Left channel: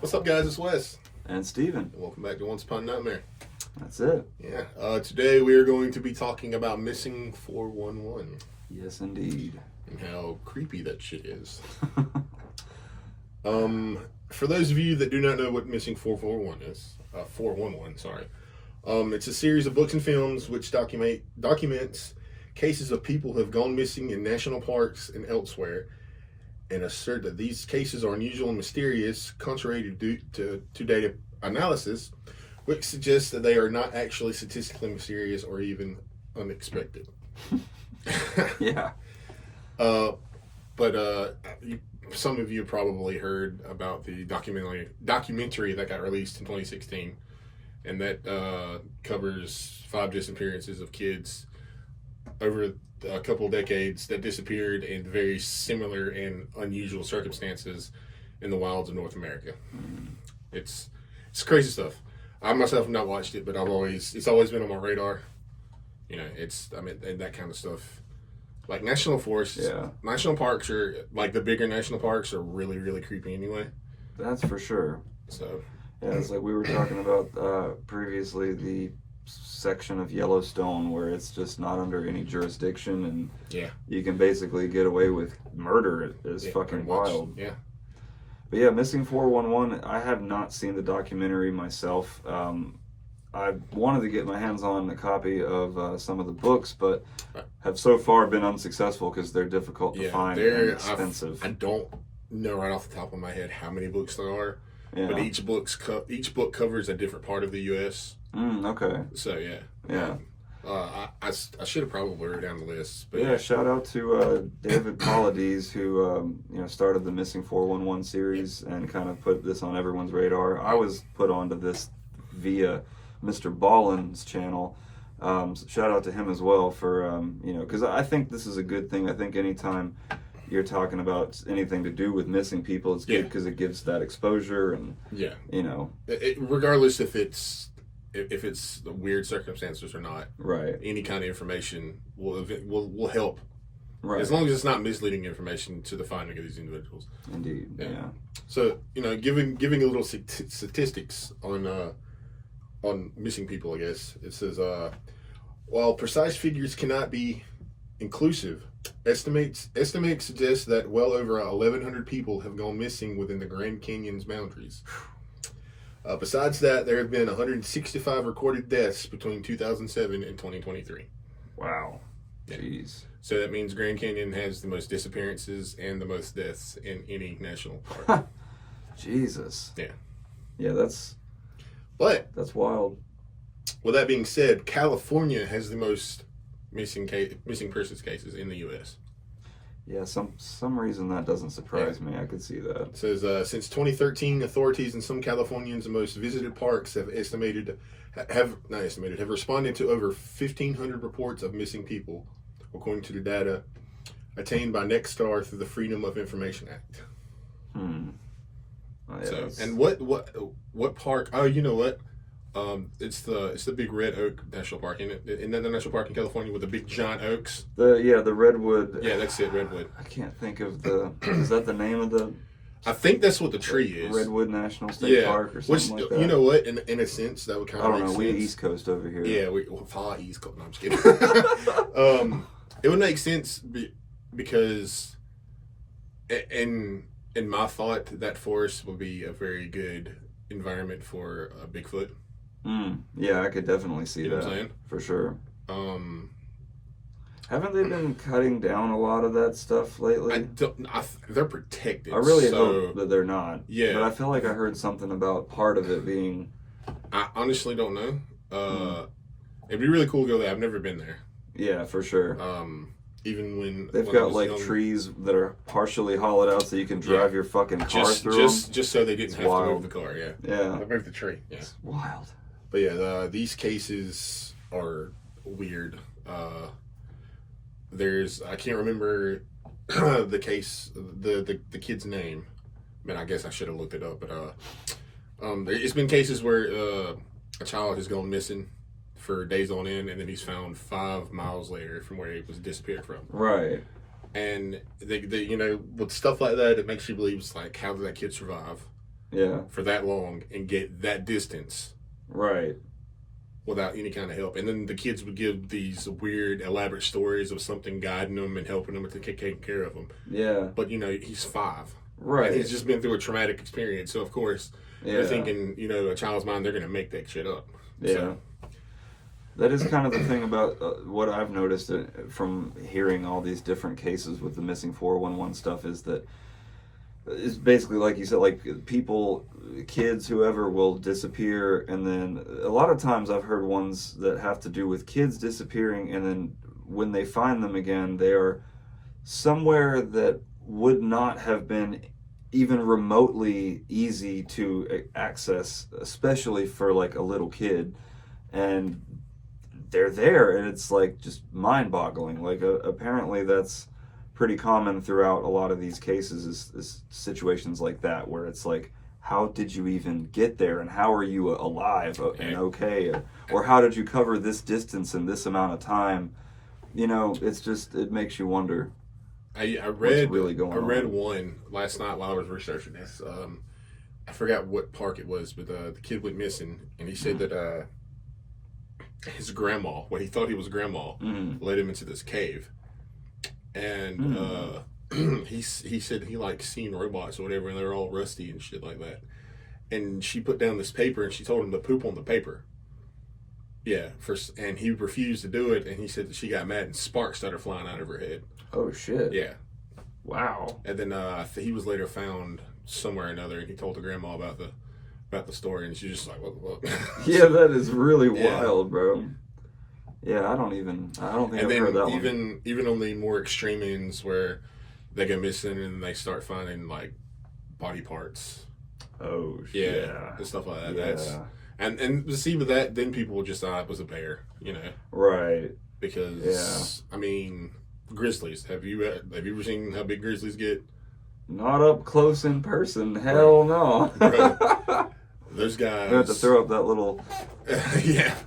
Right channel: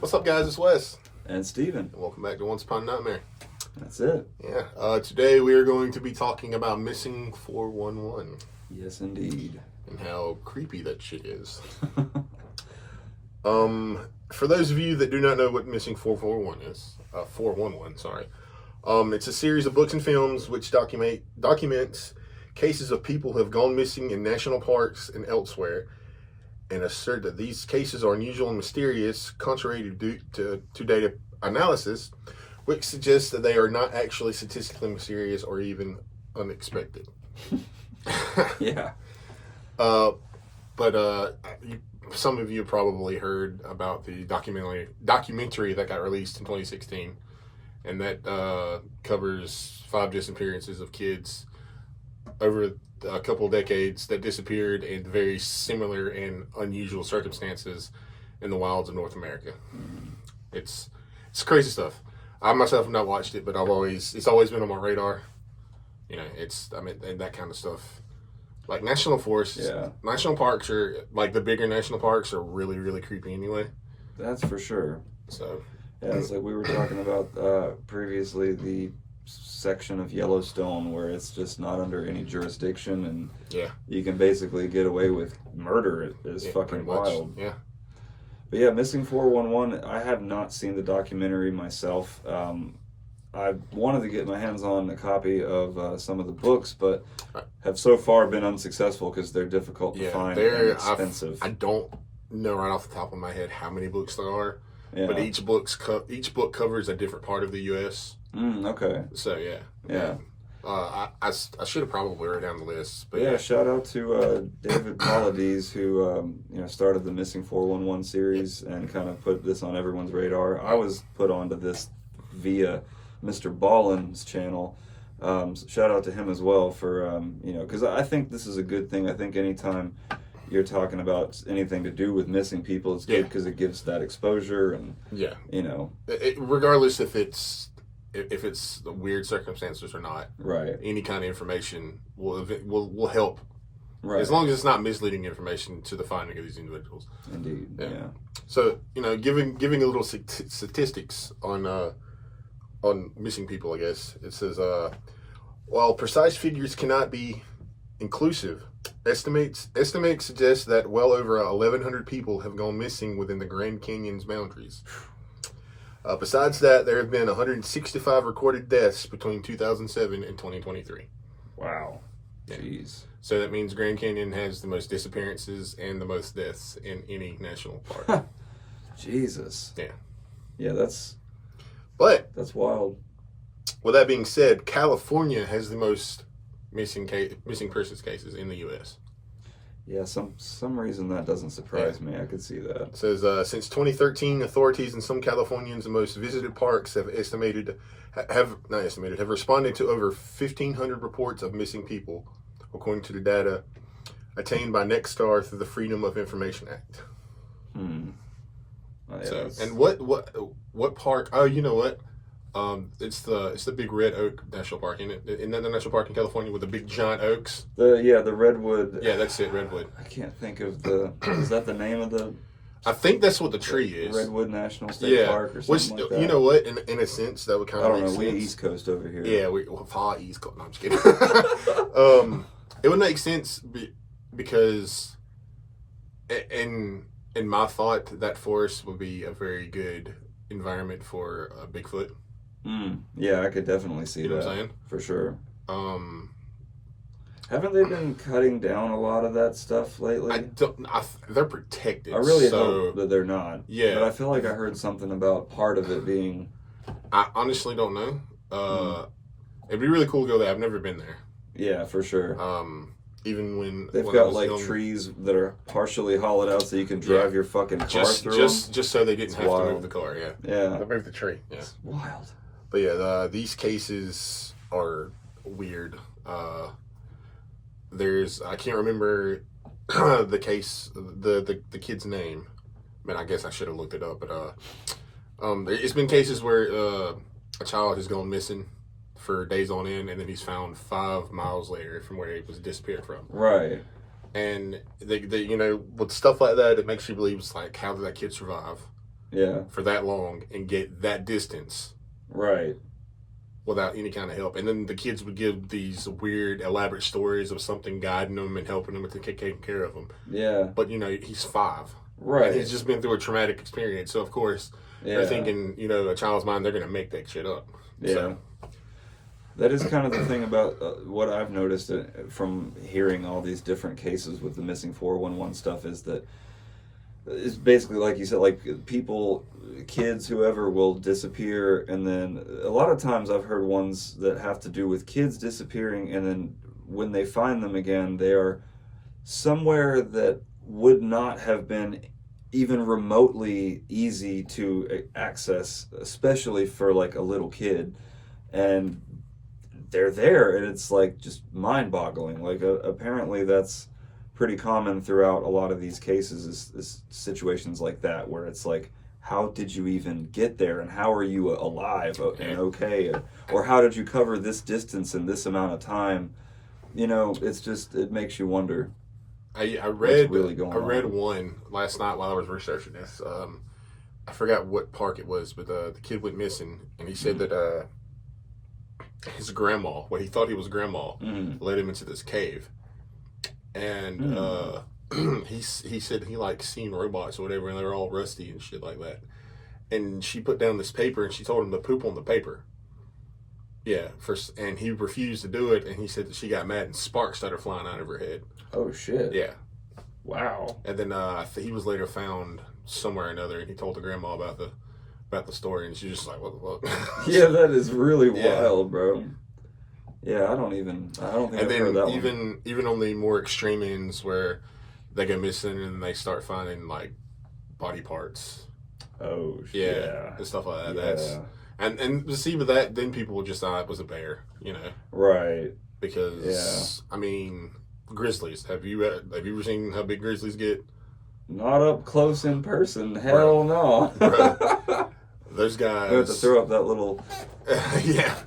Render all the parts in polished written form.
What's up, guys? It's Wes. And Steven. Welcome back to Once Upon a Nightmare. That's it. Yeah. Today we are going to be talking about Missing 411. Yes, indeed. And how creepy that shit is. For those of you that do not know what Missing 441 is, 411, sorry. It's a series of books and films which documents cases of people who have gone missing in national parks and elsewhere, and assert that these cases are unusual and mysterious, contrary to data analysis, which suggests that they are not actually statistically mysterious or even unexpected. Yeah. Some of you probably heard about the documentary that got released in 2016, and that covers 5 disappearances of kids over a couple of decades that disappeared in very similar and unusual circumstances in the wilds of North America. It's crazy stuff. I myself have not watched it, but it's always been on my radar. You know, and that kind of stuff. Like national forests, national parks are, like the bigger national parks are really, really creepy anyway. That's for sure. So, yeah, it's like we were talking about previously, the section of Yellowstone where it's just not under any jurisdiction, and you can basically get away with murder. It is fucking wild. Yeah. But yeah, Missing 411, I have not seen the documentary myself. I wanted to get my hands on a copy of some of the books, but have so far been unsuccessful because they're difficult to find and expensive. I don't know right off the top of my head how many books there are, but each book covers a different part of the U.S. Okay. So yeah. I should have probably wrote down the list. But yeah, shout out to David Paulides, who started the Missing 411 series and kind of put this on everyone's radar. I was put onto this via Mr. Ballin's channel. Shout out to him as well for because I think this is a good thing. I think anytime you're talking about anything to do with missing people, it's good because it gives that exposure and regardless if it's weird circumstances or not, right? Any kind of information will help, right? As long as it's not misleading information to the finding of these individuals. Indeed, yeah. So giving a little statistics on missing people, I guess it says while precise figures cannot be inclusive, estimates suggest that well over 1,100 people have gone missing within the Grand Canyon's boundaries. Besides that, there have been 165 recorded deaths between 2007 and 2023. Wow. Jeez. So that means Grand Canyon has the most disappearances and the most deaths in any national park. Jesus. Yeah. Yeah, that's wild. With that being said, California has the most missing persons cases in the U.S. Yeah, some reason that doesn't surprise me. I could see that. It says, since 2013, authorities in some Californians' most visited parks have responded to over 1,500 reports of missing people, according to the data attained by Nexstar through the Freedom of Information Act. Oh, so, and what park? Oh, you know what? It's the Big Red Oak National Park, isn't it? Isn't that the national park in California with the big giant oaks? The redwood. Yeah, that's it, redwood. I can't think of is that the name of the? I think that's what the tree is. Redwood National State Park or something like that. You know what? In a sense, that would kind of make sense. I don't know. We East Coast over here. Yeah, far East Coast. No, I'm just kidding. It would make sense because, in my thought, that forest would be a very good environment for Bigfoot. Yeah, I could definitely see that. Know what I'm saying? For sure. Haven't they been cutting down a lot of that stuff lately? They're protected. I really hope that they're not. Yeah. But I feel like I heard something about part of it being... I honestly don't know. It'd be really cool to go there. I've never been there. Yeah, for sure. Even when... They've got like trees that are partially hollowed out so you can drive your fucking car through them. Just so they didn't have to move the car, yeah. Yeah. They moved the tree, yeah. It's wild. But yeah, these cases are weird. I can't remember the case, the kid's name. Man, I guess I should have looked it up, but it's been cases where a child has gone missing for days on end, and then he's found 5 miles later from where he was disappeared from. Right. And they with stuff like that, it makes you believe it's like, how did that kid survive Yeah. for that long and get that distance Right. without any kind of help? And then the kids would give these weird, elaborate stories of something guiding them and helping them and taking care of them. Yeah. But he's 5. Right. And he's just been through a traumatic experience, so of course Yeah. they're thinking, a child's mind, they're going to make that shit up. Yeah. So, That is kind of the thing about what I've noticed from hearing all these different cases with the missing 411 stuff is that it's basically like you said, like people, kids, whoever will disappear, and then a lot of times I've heard ones that have to do with kids disappearing, and then when they find them again, they are somewhere that would not have been even remotely easy to access, especially for like a little kid, and they're there, and it's like just mind-boggling. Like apparently that's pretty common throughout a lot of these cases is situations like that where it's like, how did you even get there, and how are you alive and okay, or how did you cover this distance in this amount of time? It's just, it makes you wonder. I read really going on. one last night while I was researching this. I forgot what park it was, but the kid went missing, and he said that his grandma, what he thought he was grandma, led him into this cave, and he said he like seen robots or whatever, and they were all rusty and shit like that. And she put down this paper, and she told him to poop on the paper. Yeah, and he refused to do it, and he said that she got mad, and sparks started flying out of her head. Oh shit! Yeah. Wow. And then he was later found somewhere or another, and he told the grandma about the story, and she just like, what? Yeah, that is really Yeah. wild, bro. Yeah, I don't think I've heard that one. Even on the more extreme ends where they go missing and they start finding like body parts. Oh shit. Yeah, and stuff like that. Yeah. That's and to see with that, then people will just thought that was a bear, Right. because I mean, grizzlies. Have you ever seen how big grizzlies get? Not up close in person. Hell no. Right. Those guys. I have to throw up that little. Yeah,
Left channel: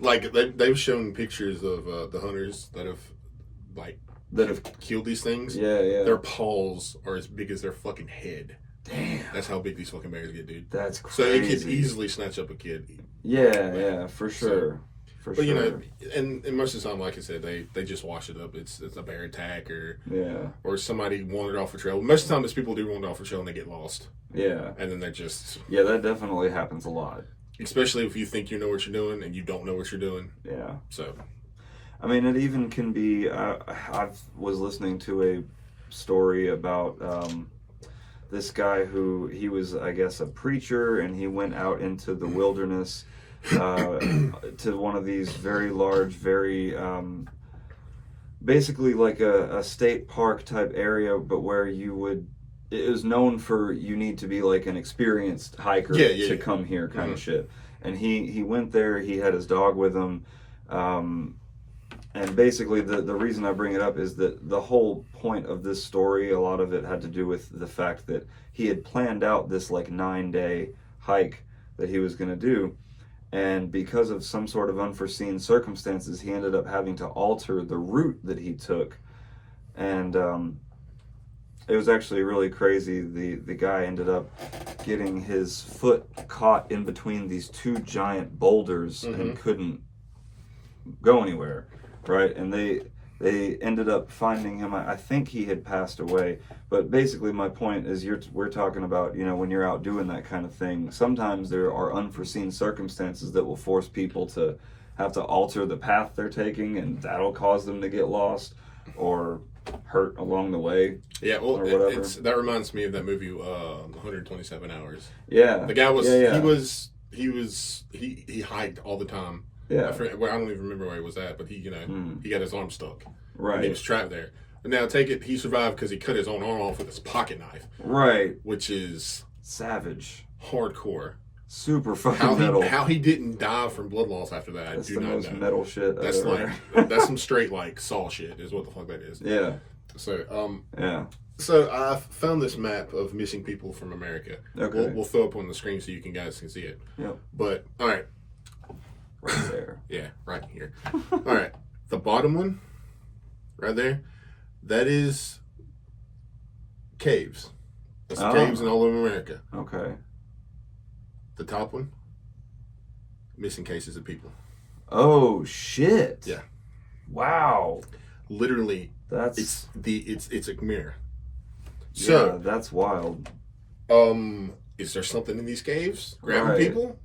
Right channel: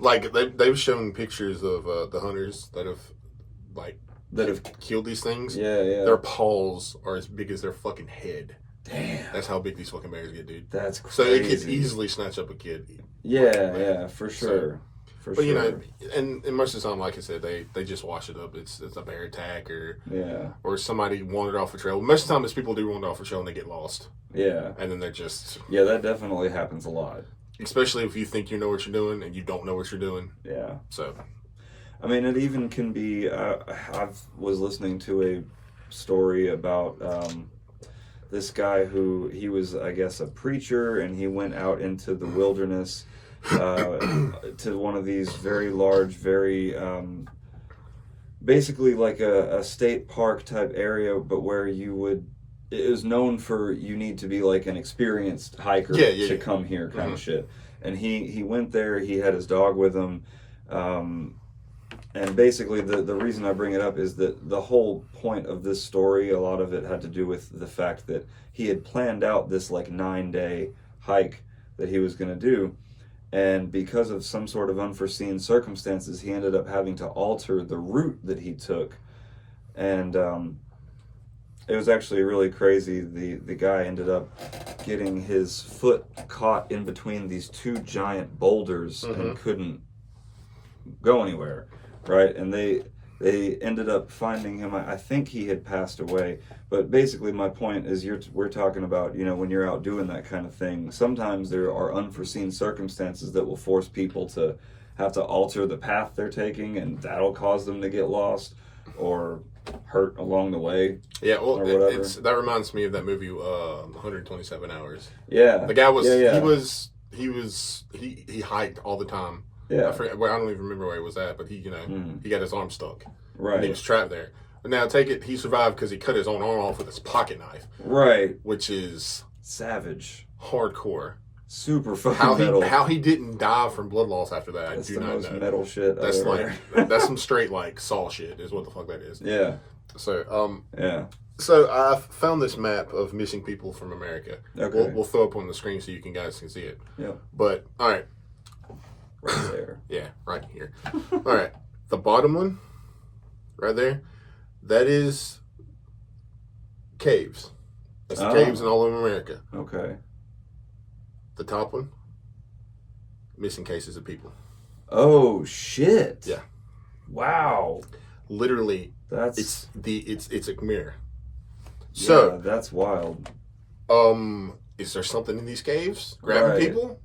like they've shown pictures of the hunters that have killed these things. Yeah. Their paws are as big as their fucking head. Damn. That's how big these fucking bears get, dude. That's So crazy. it could easily snatch up a kid. Yeah, for sure. For But sure. and most of the time, like I said, they just wash it up. It's a bear attack Yeah. or somebody wandered off a trail. Most of the time, it's people do wander off a trail and they get lost. Yeah. And then they're just. Yeah, that definitely happens a lot. Especially if you think you know what you're doing and you don't know what you're doing. Yeah. So. I mean, it even can be. I was listening to a story about this guy who he was, I guess, a preacher, and he went out into the wilderness to one of these very large, very basically like a state park type area, but where it was known for you need to be like an experienced hiker to come here kind of shit. And he went there, he had his dog with him, and basically the reason I bring it up is that the whole point of this story, a lot of it had to do with the fact that he had planned out this like 9-day hike that he was going to do, and because of some sort of unforeseen circumstances, he ended up having to alter the route that he took, and it was actually really crazy. The guy ended up getting his foot caught in between these two giant boulders and couldn't go anywhere, right? And they ended up finding him. I think he had passed away. But basically my point is we're talking about, when you're out doing that kind of thing, sometimes there are unforeseen circumstances that will force people to have to alter the path they're taking, and that'll cause them to get lost or hurt along the way. Yeah, well, or whatever. That reminds me of that movie, 127 Hours. Yeah. The guy was, yeah. he hiked all the time. Yeah. I don't even remember where he was at, but he got his arm stuck. Right. And he was trapped there. But now he survived because he cut his own arm off with his pocket knife. Right. Which is savage. Hardcore. Super fucking metal. How he didn't die from blood loss after that, that's I do not know. That's the most metal shit That's ever. that's some straight like Saw shit is what the fuck that is. Yeah. So yeah. So I found this map of missing people from America. Okay. We'll throw up on the screen so you guys can see it. Yeah. But all right. Right there. Yeah, right here. All right. The bottom one, right there, that is caves. That's the Oh. caves in all of America. Okay. The top one, missing cases of people. Oh shit. Yeah. Wow. Literally, That's it's a mirror. yeah, So, that's wild. is there something in these caves grabbing Right. people?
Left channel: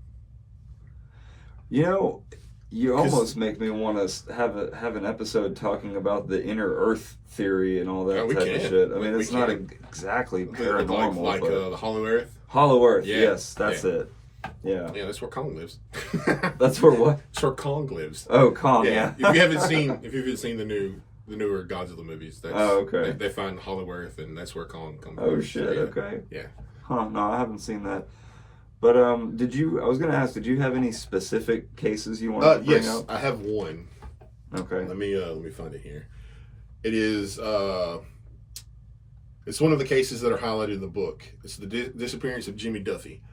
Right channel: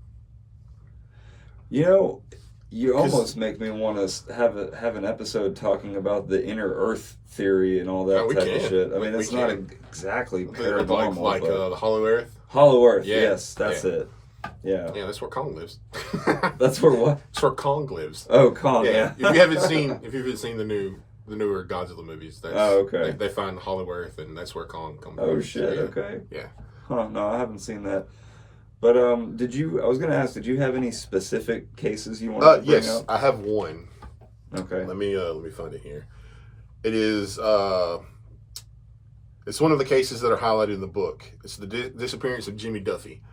You know, you 'Cause- almost make me want to have an episode talking about the inner Earth theory and all that Yeah, we type can. of shit. I mean, We it's not can. exactly Like paranormal, but the Hollow Earth. Hollow Earth. Yeah, Yes, that's yeah. it. Yeah, Yeah, that's where Kong lives. that's where what? That's where Kong lives. Oh, Kong. Yeah. If you haven't seen the newer Godzilla movies, that's, Oh, okay. They find Hollow Earth, and that's where Kong comes. Oh from. shit. So, yeah. Okay. Yeah. Huh? No, I haven't seen that. But did you? I was gonna ask. Did you have any specific cases you wanted to bring Yes, up? I have one. Okay. Let me find it here. It is it's one of the cases that are highlighted in the book. It's the disappearance of Jimmy Duffy.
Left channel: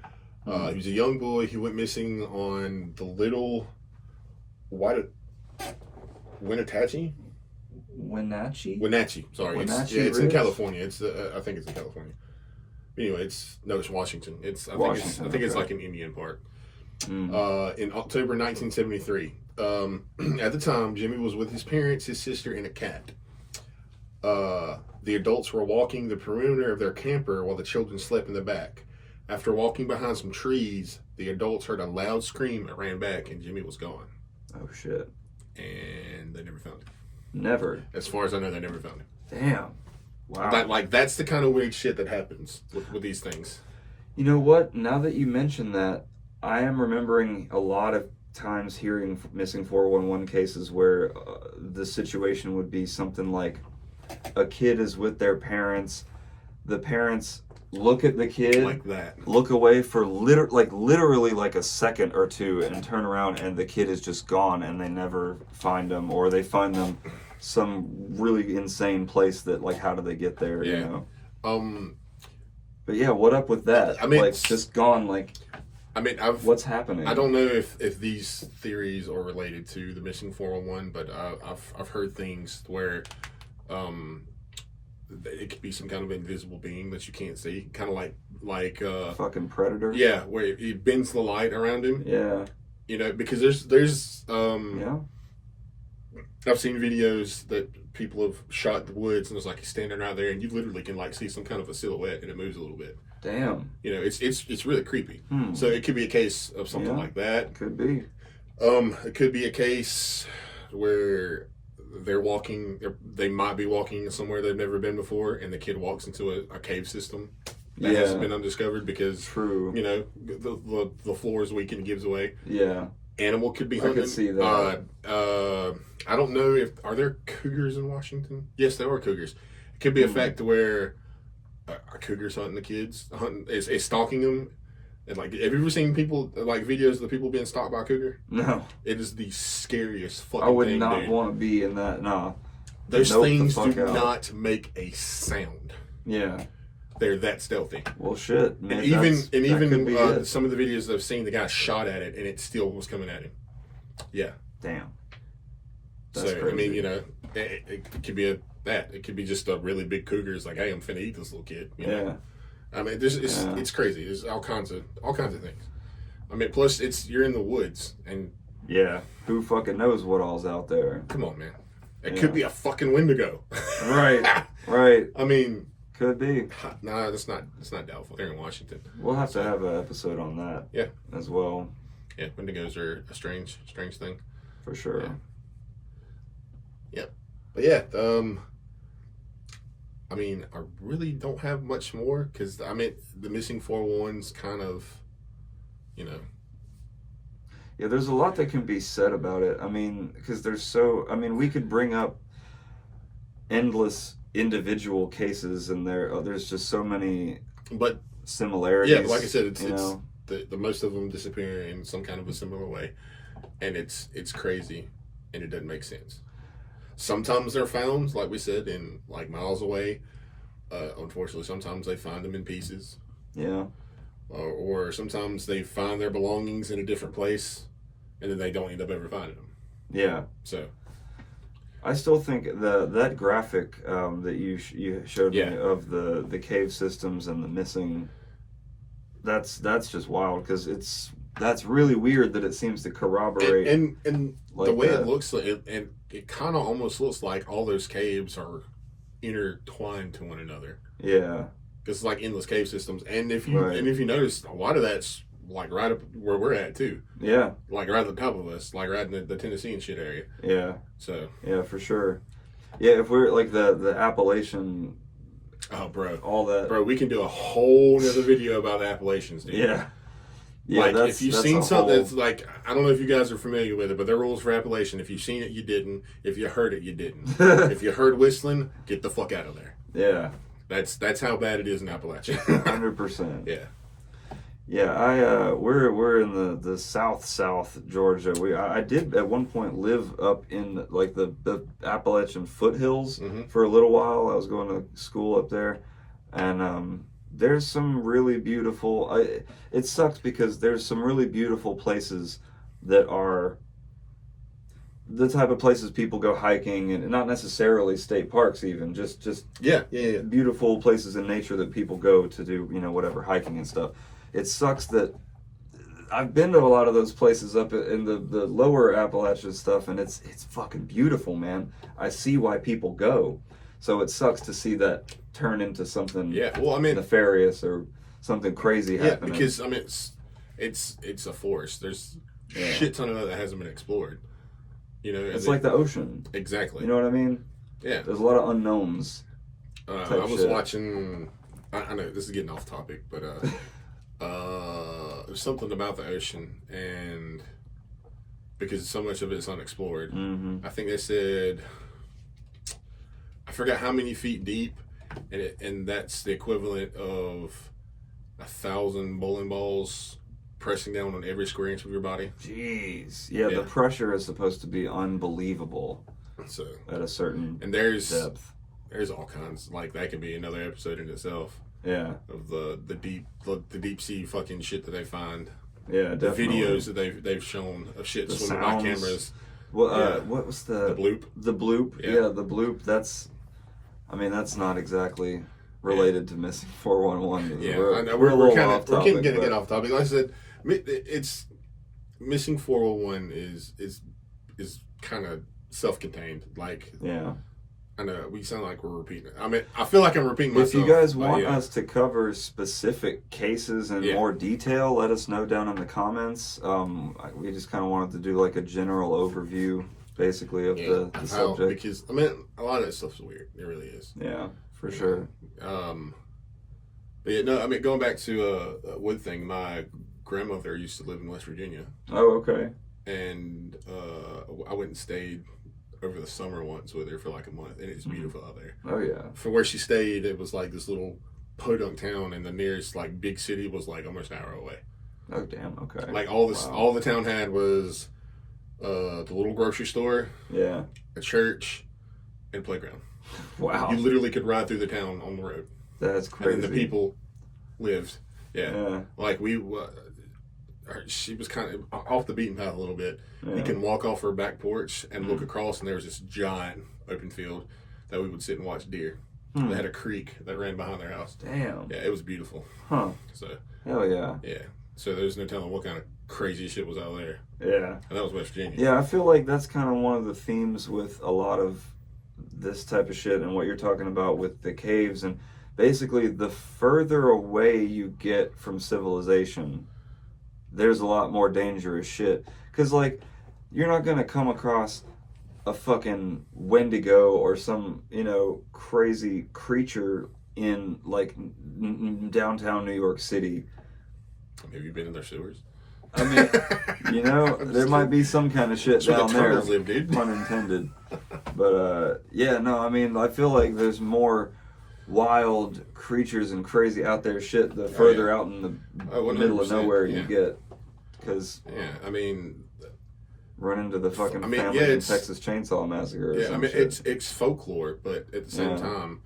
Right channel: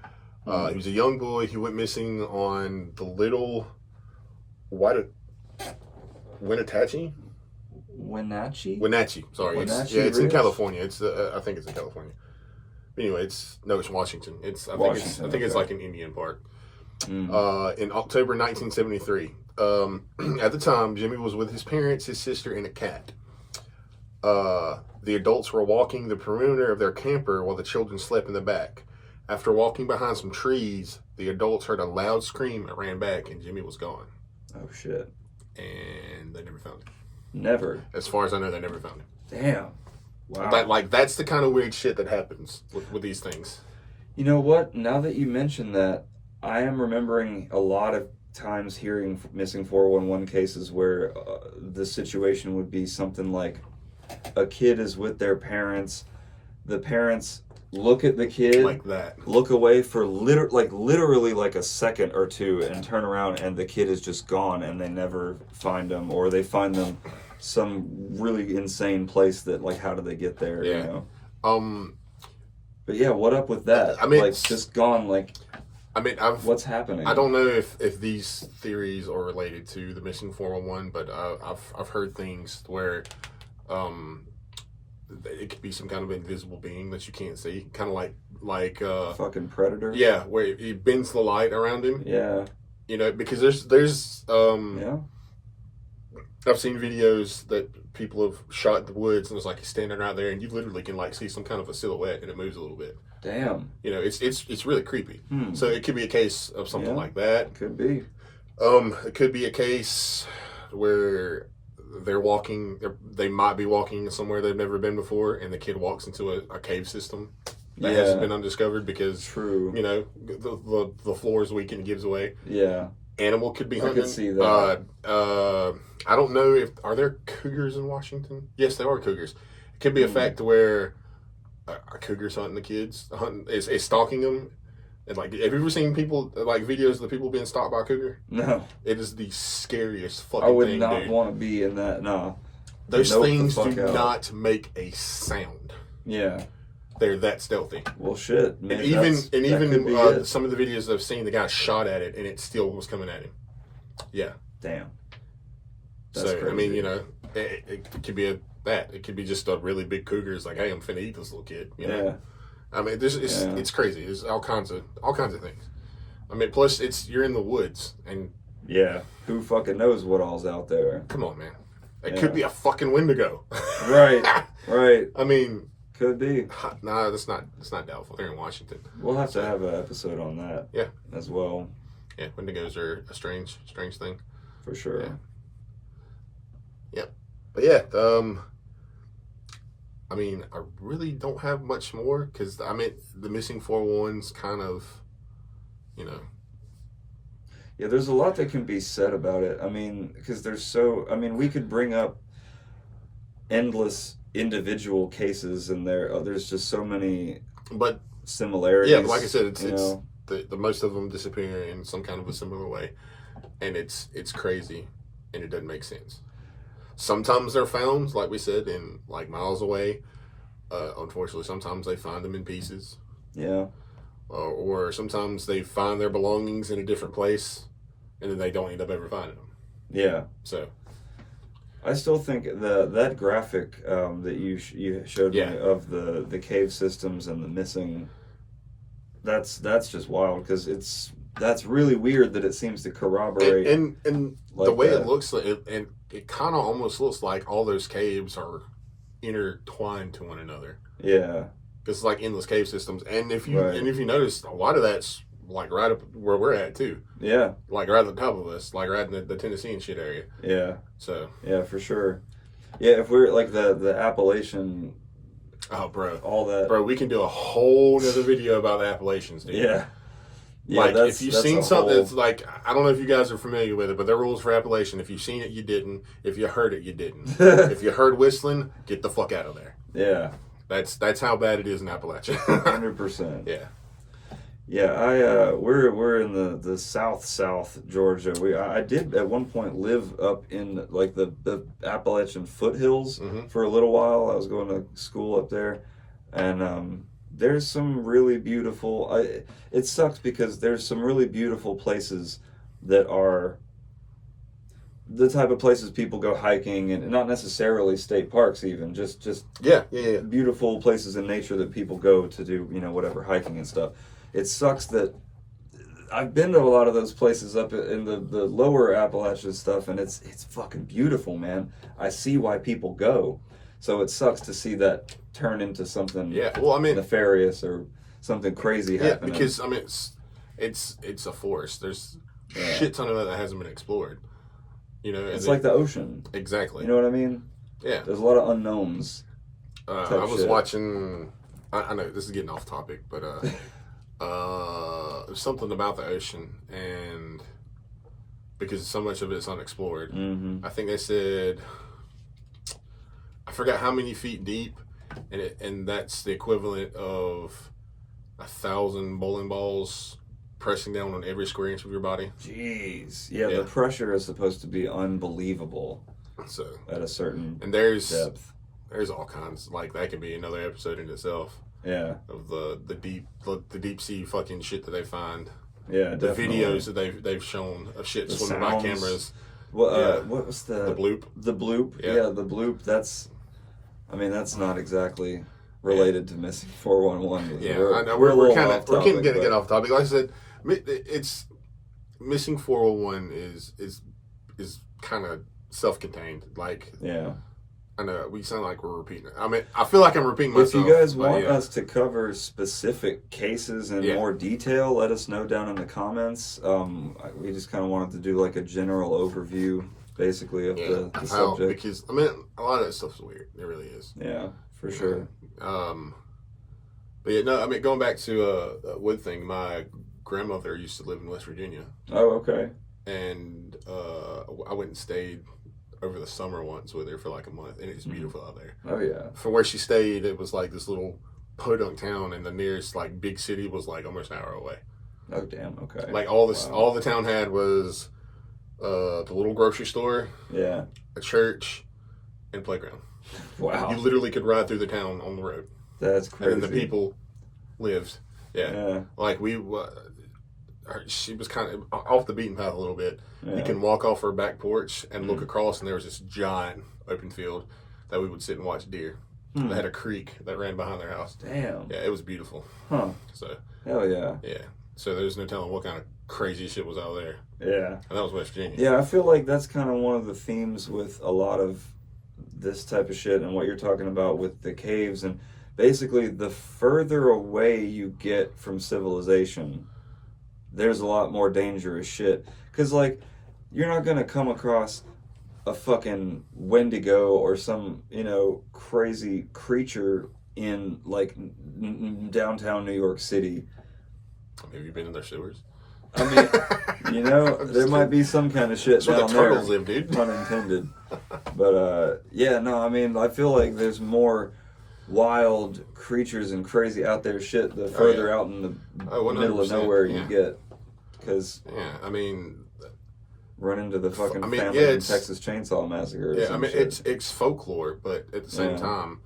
He was a young boy who went missing on the Little Wenatchee. Wenatchee. Sorry, Wenatchee it's in Ridge? California. It's I think it's in California. Anyway, it's Washington. I think Washington, it's okay. like an Indian park. Mm. In October 1973. At the time, Jimmy was with his parents, his sister, and a cat. The adults were walking the perimeter of their camper while the children slept in the back. After walking behind some trees, the adults heard a loud scream and ran back, and Jimmy was gone. Oh shit. And they never found him. Never. As far as I know, they never found him. Damn. Wow. That's the kind of weird shit that happens with these things. You know what? Now that you mention that, I am remembering a lot of times hearing missing 411 cases where the situation would be something like a kid is with their parents, the parents look at the kid, Like that. look away for literally like a second or two, and turn around and the kid is just gone, and they never find them, or they find them some really insane place that, like, how do they get there? Yeah. You know. But yeah, what up with that? I mean, like, just gone. Like, I mean, what's happening? I don't know if these theories are related to the missing 411, but I've heard things where it could be some kind of invisible being that you can't see, kind of like Fucking predator. yeah, where it bends the light around him. Yeah. You know, because there's Yeah. I've seen videos that people have shot in the woods, and it's like he's standing right there, and you literally can like see some kind of a silhouette, and it moves a little bit. Damn. You know, it's really creepy. Hmm. So it could be a case of something Yeah. like that. Could be. It could be a case where they're walking. They might be walking somewhere they've never been before, and the kid walks into a cave system that hasn't been undiscovered because True. you know the floor is weak and gives away. Yeah. Animal could be I hunting. could see that. I don't know are there cougars in Washington? Yes, there are cougars. It could be a fact where a cougar's hunting the kids, is stalking them. And like, have you ever seen people like videos of the people being stalked by a cougar? No. It is the scariest fucking I would thing, not dude. want to be in that. No. Those Nope, the things fuck do out. not make a sound. Yeah. They're that stealthy. Well, shit. Man, And even that could be it. some of the videos I've seen, the guy shot at it and it still was coming at him. Yeah. Damn. That's So crazy. I mean, you know, it could be it could be just a really big cougar. It's like, hey, I'm finna eat this little kid. You know? Yeah. I mean, it's crazy. There's all kinds of things. I mean, plus you're in the woods, and Yeah. Who fucking knows what all's out there? come on, man, it Yeah. could be a fucking Wendigo. Right. Right. I mean, Could be. nah, that's not doubtful. They're in Washington. We'll have to have an episode on that. Yeah. As well, Yeah, Wendigos are a strange thing. for sure. Yeah. But yeah, I mean, I really don't have much more because I mean, the missing 411's kind of, you know. Yeah, there's a lot that can be said about it. I mean, because we could bring up endless individual cases, and there's just so many But similarities. yeah, but like I said, it's know? the most of them disappear in some kind of a similar way, and it's crazy, and it doesn't make sense. Sometimes they're found, like we said, in like miles away. Unfortunately, sometimes they find them in pieces. Yeah. Or sometimes they find their belongings in a different place, and then they don't end up ever finding them. Yeah. So, I still think that graphic that you showed Yeah. me of the cave systems and the missing. That's just wild because that's really weird that it seems to corroborate And like the way that. it looks, like, and it kind of almost looks like all those caves are intertwined to one another. Yeah, Because it's like endless cave systems, and if Right. you notice, a lot of that's like right up where we're at too, yeah, like right at the top of us, like right in the Tennessee and shit area. yeah, So, yeah, for sure. Yeah, if we're like the Appalachian, oh, all that. bro, we can do a whole nother video about the Appalachians, dude. Yeah, yeah. Like, That's if you've that's seen a something whole- that's like, I don't know if you guys are familiar with it, but there are rules for Appalachian. If you've seen it, you didn't. If you heard it, you didn't. If you heard whistling, get the fuck out of there. Yeah, That's how bad it is in Appalachia. 100%. Yeah. Yeah, we're in the South Georgia. I did at one point live up in like the Appalachian foothills Mhm. for a little while. I was going to school up there, and there's some really beautiful. It sucks because there's some really beautiful places that are the type of places people go hiking, and not necessarily state parks, even just Yeah. beautiful places in nature that people go to do, whatever, hiking and stuff. It sucks that I've been to a lot of those places up in the lower Appalachian stuff, and it's fucking beautiful, man. I see why people go. So it sucks to see that turn into something Yeah. Well, I mean, nefarious or something crazy yeah, happening. because I mean, it's a forest. There's Yeah. shit ton of it that hasn't been explored. It's like the ocean. exactly. You know what I mean? Yeah. There's a lot of unknowns. I was shit. watching. I know this is getting off topic, but there's something about the ocean, and because so much of it's unexplored. Mm-hmm. I think they said, I forgot how many feet deep, and that's the equivalent of 1,000 bowling balls pressing down on every square inch of your body. Jeez. Yeah, Yeah. the pressure is supposed to be unbelievable So, at a certain and there's depth. all kinds, like that could be another episode in itself Yeah, of the deep sea fucking shit that they find. yeah, The definitely. videos that they've shown of shit The swimming by sounds. cameras. What, Yeah. what was The bloop. The bloop. Yeah. Yeah, the bloop. That's not exactly related to missing 411. Yeah, We're, I know we're a we're little kind off of we're topic, getting but- get off topic. Like I said, it's missing 401 is kind of self-contained. Like, Yeah. I know we sound like we're repeating it. I mean, I feel like I'm repeating myself. If you guys but want yeah. us to cover specific cases in Yeah. more detail, let us know down in the comments. We just kind of wanted to do like a general overview, basically, of the how- subject. because I mean, a lot of that stuff's weird. It really is. Yeah, for sure. But yeah, no, I mean, going back to a wood thing, my grandmother used to live in West Virginia, Oh, okay. and I went and stayed over the summer once with her for like a month, and it's beautiful out there. Oh, yeah. From where she stayed, it was like this little podunk town, and the nearest like big city was like almost an hour away. Oh, damn. Okay. Like all this, Wow. all the town had was the little grocery store, Yeah. a church, and playground. Wow. You literally could ride through the town on the road, That's crazy. and the people lived. Yeah, Yeah. like she was kind of off the beaten path a little bit. Yeah. You can walk off her back porch and look Mm. across, and there was this giant open field that we would sit and watch deer. Hmm. They had a creek that ran behind their house. Damn. Yeah, it was beautiful. Huh. So Hell yeah. yeah, so there's no telling what kind of crazy shit was out there, Yeah. and that was West Virginia. Yeah, I feel like that's kind of one of the themes with a lot of this type of shit and what you're talking about with the caves. And basically, the further away you get from civilization, there's a lot more dangerous shit. Because, like, you're not going to come across a fucking Wendigo or some, crazy creature in, like, downtown New York City. Have you been in their sewers? I mean, there might be some kind of shit That's where down the there. turtles live, dude. Pun intended. But yeah, no, I mean, I feel like there's more wild creatures and crazy out there shit the further out in the middle of 100%, nowhere yeah. you get. Because Yeah, I mean, run into the fucking I mean, family yeah, in it's- Texas Chainsaw Massacre. Or yeah, I some mean, shit. it's folklore, but at the same Yeah. time,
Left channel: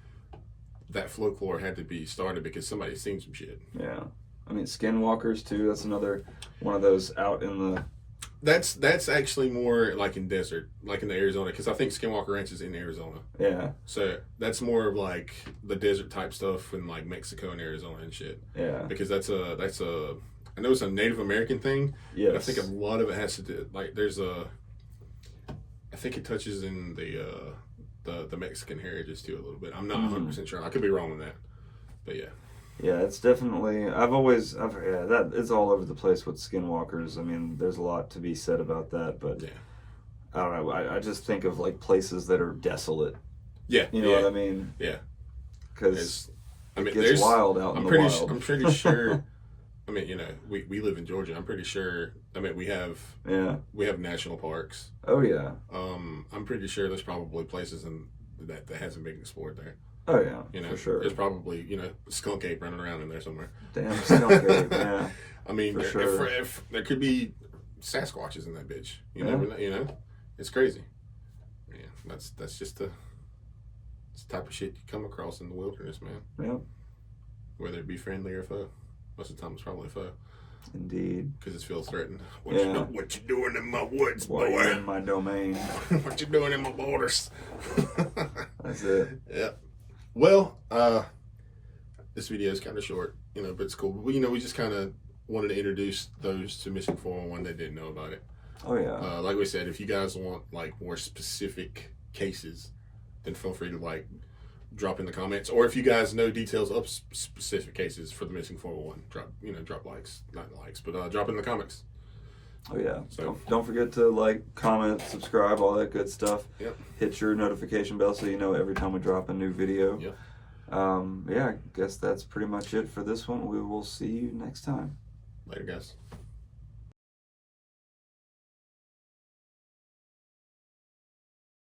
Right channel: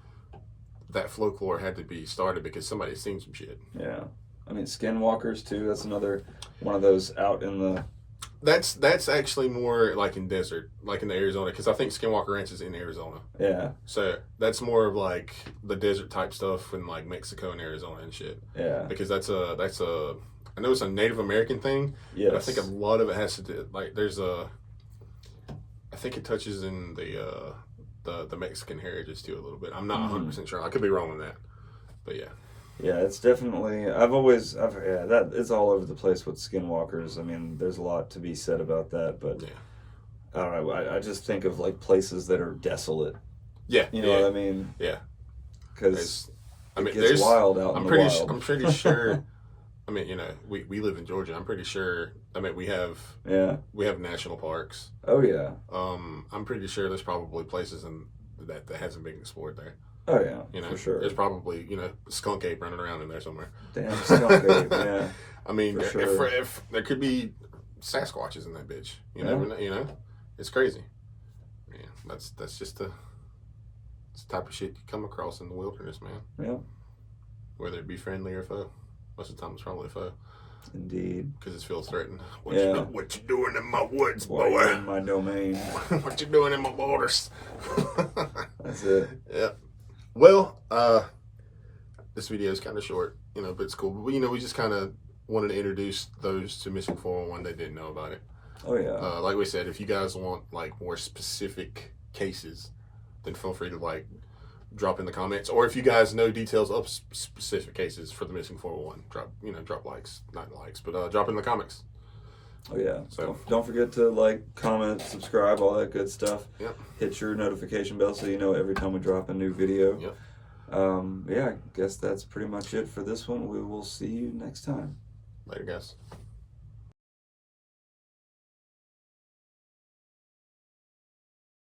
that folklore had to be started because somebody's seen some shit. Yeah. I mean, skinwalkers too. That's another one of those out in the That's actually more like in desert, like in the Arizona, because I think Skinwalker Ranch is in Arizona. Yeah, So that's more of like the desert type stuff in like Mexico and Arizona and shit. yeah, Because that's a I know it's a Native American thing, yes. but I think a lot of it has to do like I think it touches in the Mexican heritage too a little bit. I'm not 100% sure. I could be wrong on that, but yeah. Yeah, it's definitely. That it's all over the place with skinwalkers. I mean, there's a lot to be said about that, but Yeah. I don't know. I just think of like places that are desolate. Yeah, You know yeah, what I mean? yeah. Because I mean, it gets wild out in the wild. I'm pretty sure. I mean, we live in Georgia. I'm pretty sure. I mean, we have national parks. Oh yeah. I'm pretty sure there's probably places that hasn't been explored there. Oh yeah. For sure. There's probably skunk ape running around in there somewhere. Damn skunk ape. Yeah. I mean, For if there could be Sasquatches in that bitch. You Yeah. never know. It's crazy. Yeah, that's just the type of shit you come across in the wilderness, man. Yeah. Whether it be friendly or foe. Most of the time it's probably foe. Indeed. Because it feels threatened. What you doing in my woods, Why boy? you in my domain? What you doing in my borders? That's it. Yeah. Well, this video is kind of short, but it's cool. But we just kind of wanted to introduce those to Missing 411 that didn't know about it. Oh yeah. Like we said, if you guys want like more specific cases, then feel free to like drop in the comments, or if you guys know details of specific cases for the Missing 411, drop likes, not likes, but drop in the comments. Oh yeah. So don't forget to like, comment, subscribe, all that good stuff. Yep. Hit your notification bell so you know every time we drop a new video. Yep. Yeah, I guess that's pretty much it for this one. We will see you next time. Later, guys.